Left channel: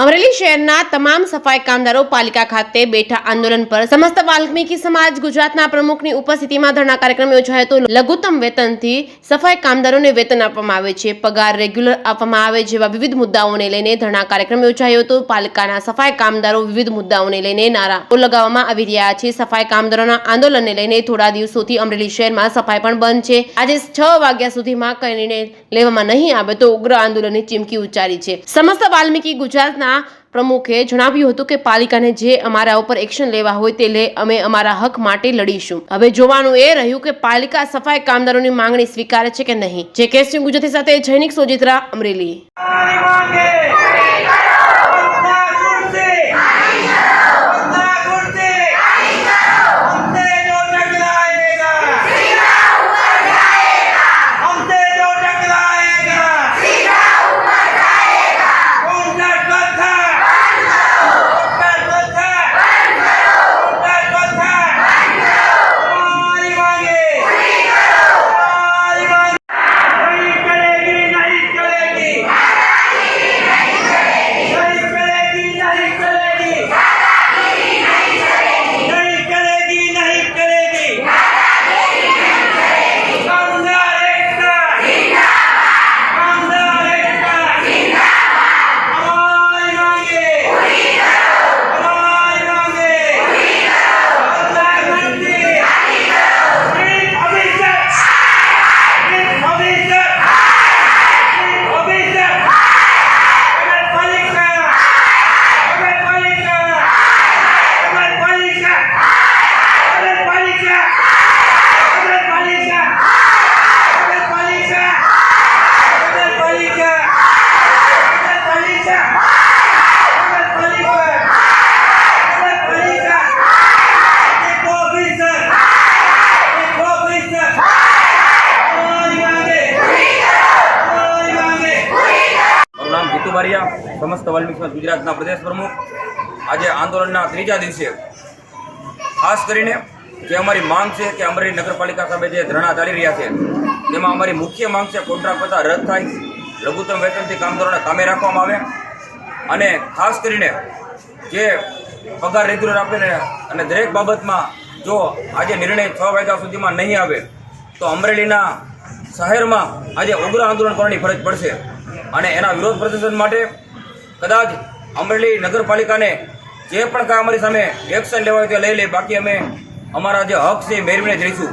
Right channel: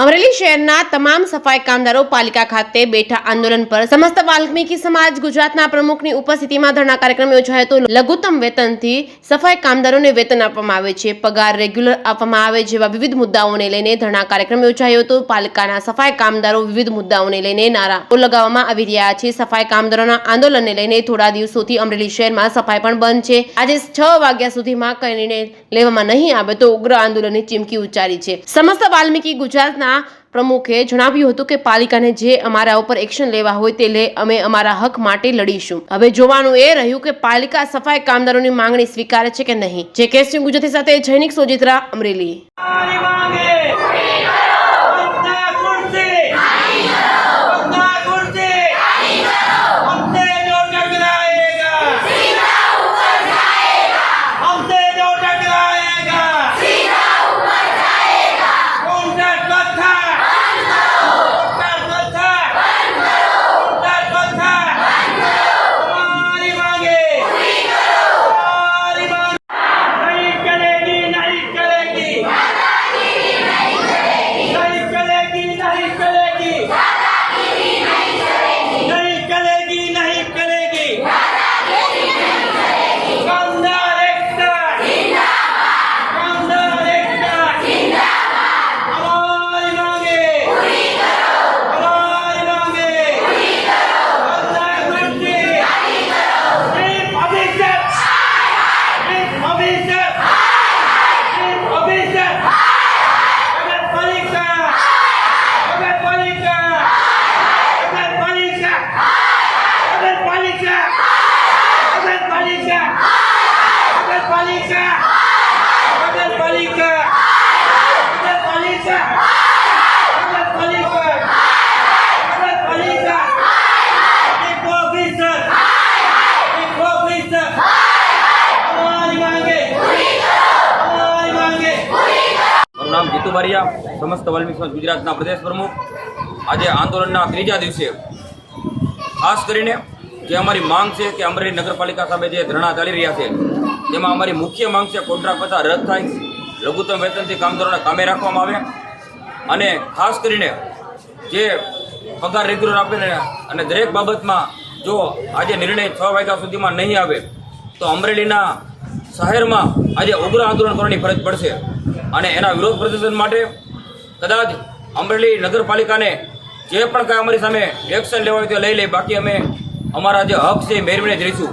અમરેલી શહેરના તમામ સફાઈ કામદારો પાલિકા ખાતે બેઠા આંદોલન પર સમસ્ત વાલ્મીકી સમાજ ગુજરાતના પ્રમુખની ઉપસ્થિતિમાં ધરણા કાર્યક્રમ યોજાયો હતો। લઘુત્તમ વેતનથી સફાઈ કામદારોને વેતન આપવામાં આવે છે, પગાર રેગ્યુલર આપવામાં આવે જેવા વિવિધ મુદ્દાઓને લઈને ધરણા કાર્યક્રમ યોજાયો હતો। પાલિકાના સફાઈ કામદારો વિવિધ મુદ્દાઓને લઈને નારાઓ લગાવવામાં આવી રહ્યા છે। સફાઈ કામદારોના આંદોલનને લઈને થોડા દિવસોથી અમરેલી શહેરમાં સફાઈ પણ બંધ છે। આજે 6 વાગ્યા સુધીમાં કઈ નિર્ણય લેવામાં નહીં આવે તો ઉગ્ર આંદોલનની ચીમકી ઉચ્ચારી છે। સમસ્ત વાલ્મીકી ગુજરાતના પ્રમુખે જણાવ્યું હતું કે પાલિકાને જે અમારા ઉપર એક્શન લેવા હોય તે લે, અમે અમારા હક માટે લડીશું। હવે જોવાનું એ રહ્યું કે પાલિકા સફાઈ કામદારોની માંગણી સ્વીકારે છે કે નહીં। જે કેસ ગુજરાતી સાથે જૈનિક સોજિત્રા, અમરેલી। નામ જીતુ બારિયા, સમસ્ત વાલ્મીકી સમાજ ગુજરાતના પ્રદેશ પ્રમુખ। આજે આંદોલનના ત્રીજા દિવસે ખાસ કરીને જે અમારી માંગ છે કે અમરેલી નગરપાલિકા સામે જે ધરણા ચાલી રહ્યા છે તેમાં અમારી મુખ્ય માંગ છે કોન્ટ્રાક્ટ પ્રથા રદ થાય, લઘુત્તમ વેતનથી કામદારોને કામે રાખવામાં આવે અને ખાસ કરીને જે પગાર રેગ્યુલર આપે અને દરેક બાબતમાં જો આજે નિર્ણય 6 વાગ્યા સુધીમાં નહીં આવે તો અમરેલીના શહેરમાં આજે ઉગ્ર આંદોલન કરવાની ફરજ પડશે અને એના વિરોધ પ્રદર્શન માટે કદાચ અમરેલી નગરપાલિકાને જે પણ કાંઈ અમારી સામે એક્શન લેવા હોય તે લઈ લે, બાકી અમે અમારા જે હક છે એ મેળવીને જ રહીશું।